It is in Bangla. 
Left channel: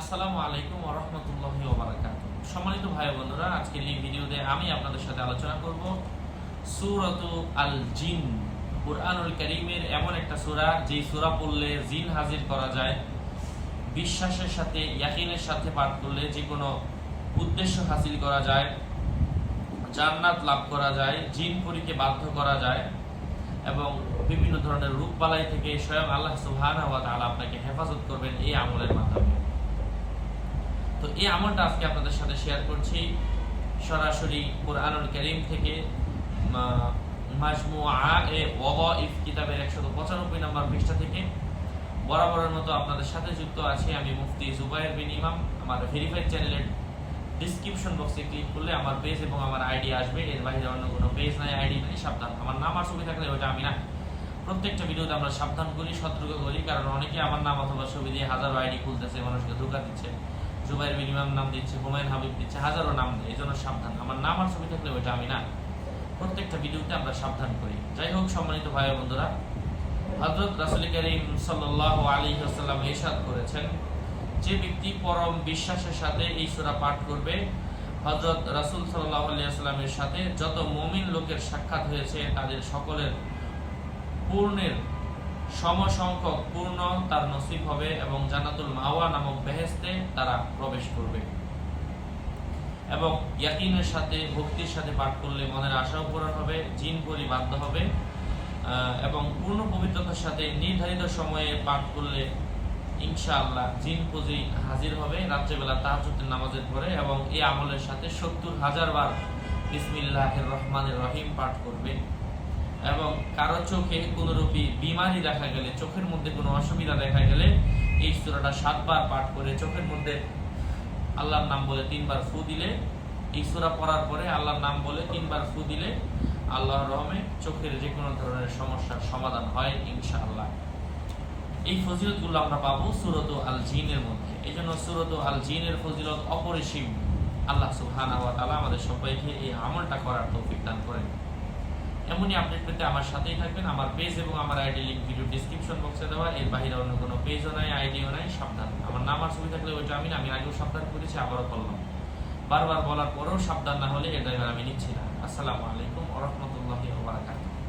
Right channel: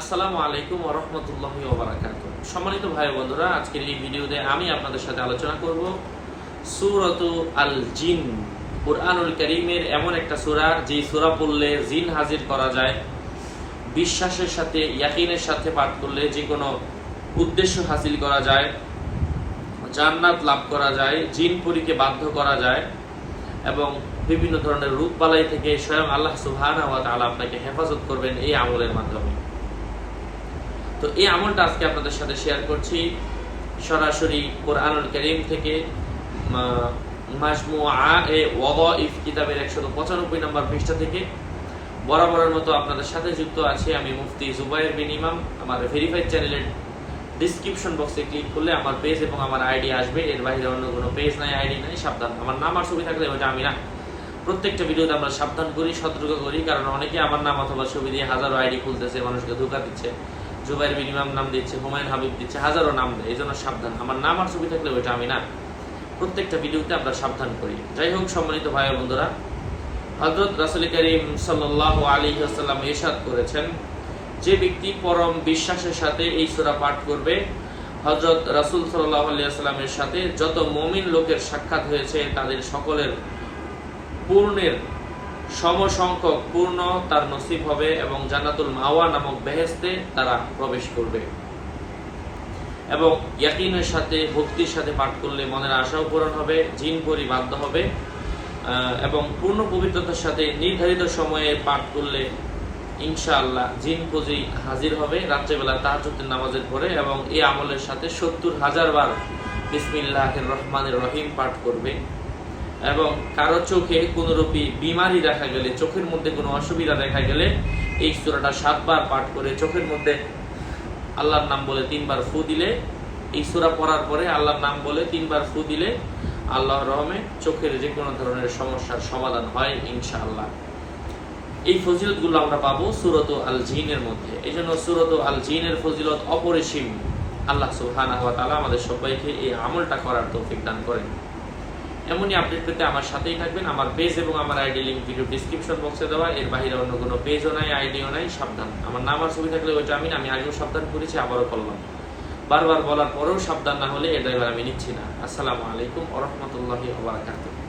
আসসালামু আলাইকুম ওরহমতুল্লাহ ওবরাকাত সম্মানিত ভাই বন্ধুরা, আজকের এই ভিডিওতে আমি আপনাদের সাথে আলোচনা করব সুরত আল জিন কোরআনুল করিমের এমন একটা সূরা যে সূরা পড়লে জিন হাজির করা যায়, বিশ্বাসের সাথে, ইয়াকিনের সাথে পাঠ করলে যে কোনো উদ্দেশ্য হাসিল করা যায়, জান্নাত লাভ করা যায়, জিন পরীকে বাধ্য করা যায়, এবং বিভিন্ন ধরনের রূপ বালাই থেকে স্বয়ং আল্লাহ সুবহানাহু ওয়া তাআলা আপনাকে হেফাজত করবেন এই আমলের মাধ্যমে। তো এই আমলটা আজকে আপনাদের সাথে শেয়ার করছি। সরাসরি কোরআনুল করিম থেকে মাজমুআ এ কিতাবের একশত পঁচানব্বই নম্বর পৃষ্ঠা থেকে। বরাবরের মতো আপনাদের সাথে যুক্ত আছি আমি মুফতি জুবাইর বিন ইমাম। আমার ভেরিফাইড চ্যানেলের ডিসক্রিপশন বক্সে ক্লিক করলে আমার পেজ এবং আমার আইডি আসবে। এর বাইরে অন্য কোনো পেজ নাই আইডি নাই, সাবধান। আমার নাম আর ছবি থাকলে ওটা আমি না। প্রত্যেকটা ভিডিওতে আমরা সাবধান করি, সতর্ক করি, কারণ অনেকে আমার নাম অথবা ছবি দিয়ে হাজারো আইডি খুলতেছে, মানুষকে ধোকা দিচ্ছে। জুবাইর বিন ইমাম নাম দিচ্ছে হুমায়ুন হাবিব দিচ্ছে, হাজারো নাম দেয় এই জন্য সাবধান। আমার নাম আর ছবি থাকলে ওইটা আমি না। প্রত্যেকটা ভিডিওতে আমরা সাবধান করি। যাই হোক, সম্মানিত ভাই বন্ধুরা হজরত রাসুল করিম সাল্লাহ আলী আসাল্লাম এরশাদ করেছেন, যে ব্যক্তি পরম বিশ্বাসের সাথে এই সূরা পাঠ করবে হজরত রাসুল সাল্লাহ আলিয়াস্লামের সাথে যত মমিন লোকের সাক্ষাৎ হয়েছে, তাদের সকলের পূর্ণের সমসংখ্যক পূর্ণ তার নসিব হবে এবং জান্নাতুল মাওয়া নামক বেহেস্তে তারা প্রবেশ করবে। এবং ইয়াকিনের সাথে, ভক্তির সাথে পাঠ করলে মনের আশাও পূরণ হবে, জিন পরি বাধ্য হবে এবং পূর্ণ পবিত্রতার সাথে নির্ধারিত সময়ে পাঠ করলে ইনশাআল্লাহ জিন পুঁজি হাজির হবে। রাত্রেবেলা তাহাজুদ্দিন নামাজের পরে এবং এই আমলের সাথে সত্তর হাজার বার বিসমিল্লাহ রহমানের রহিম পাঠ করবে। এবং কারও চোখে কোনোরূপী বিমারি দেখা গেলে, চোখের মধ্যে কোনো অসুবিধা দেখা গেলে এই সূরাটা সাতবার পাঠ করে চোখের মধ্যে আল্লাহর নাম বলে তিনবার ফু দিলে, এই সূরা পড়ার পরে আল্লাহর নাম বলে তিনবার ফু দিলে আল্লাহর রহমে চোখের যে কোনো ধরনের সমস্যার সমাধান হয় ইনশাআল্লাহ। এই ফজিলতগুলো আমরা পাবো সুরত আল জিনের মধ্যে। এই জন্য সুরত আল জিনের ফজিলত অপরিসীম। আল্লাহ সুবহানাহু ওয়া তাআলা আমাদের সবাইকে এই আমলটা করার তৌফিক দান করেন। এমনই আপডেট পেতে আমার সাথেই থাকবেন। আমার পেজ এবং আমার আইডি লিঙ্ক ভিডিও ডিসক্রিপশন বক্সে দেওয়া। এর বাইরে অন্য কোনো পেজও নাই আইডিও নাই, সাবধান। আমার নাম আর ছবি থাকলে ওইটা আমি আমি আগেও সাবধান করেছি, আবারও করলাম। বারবার বলার পরেও সাবধান না হলে এর ড্রাইভার আমি নিচ্ছি না। আসসালামু আলাইকুম ওরহমতুল্লাহি ওবরাকাতুহ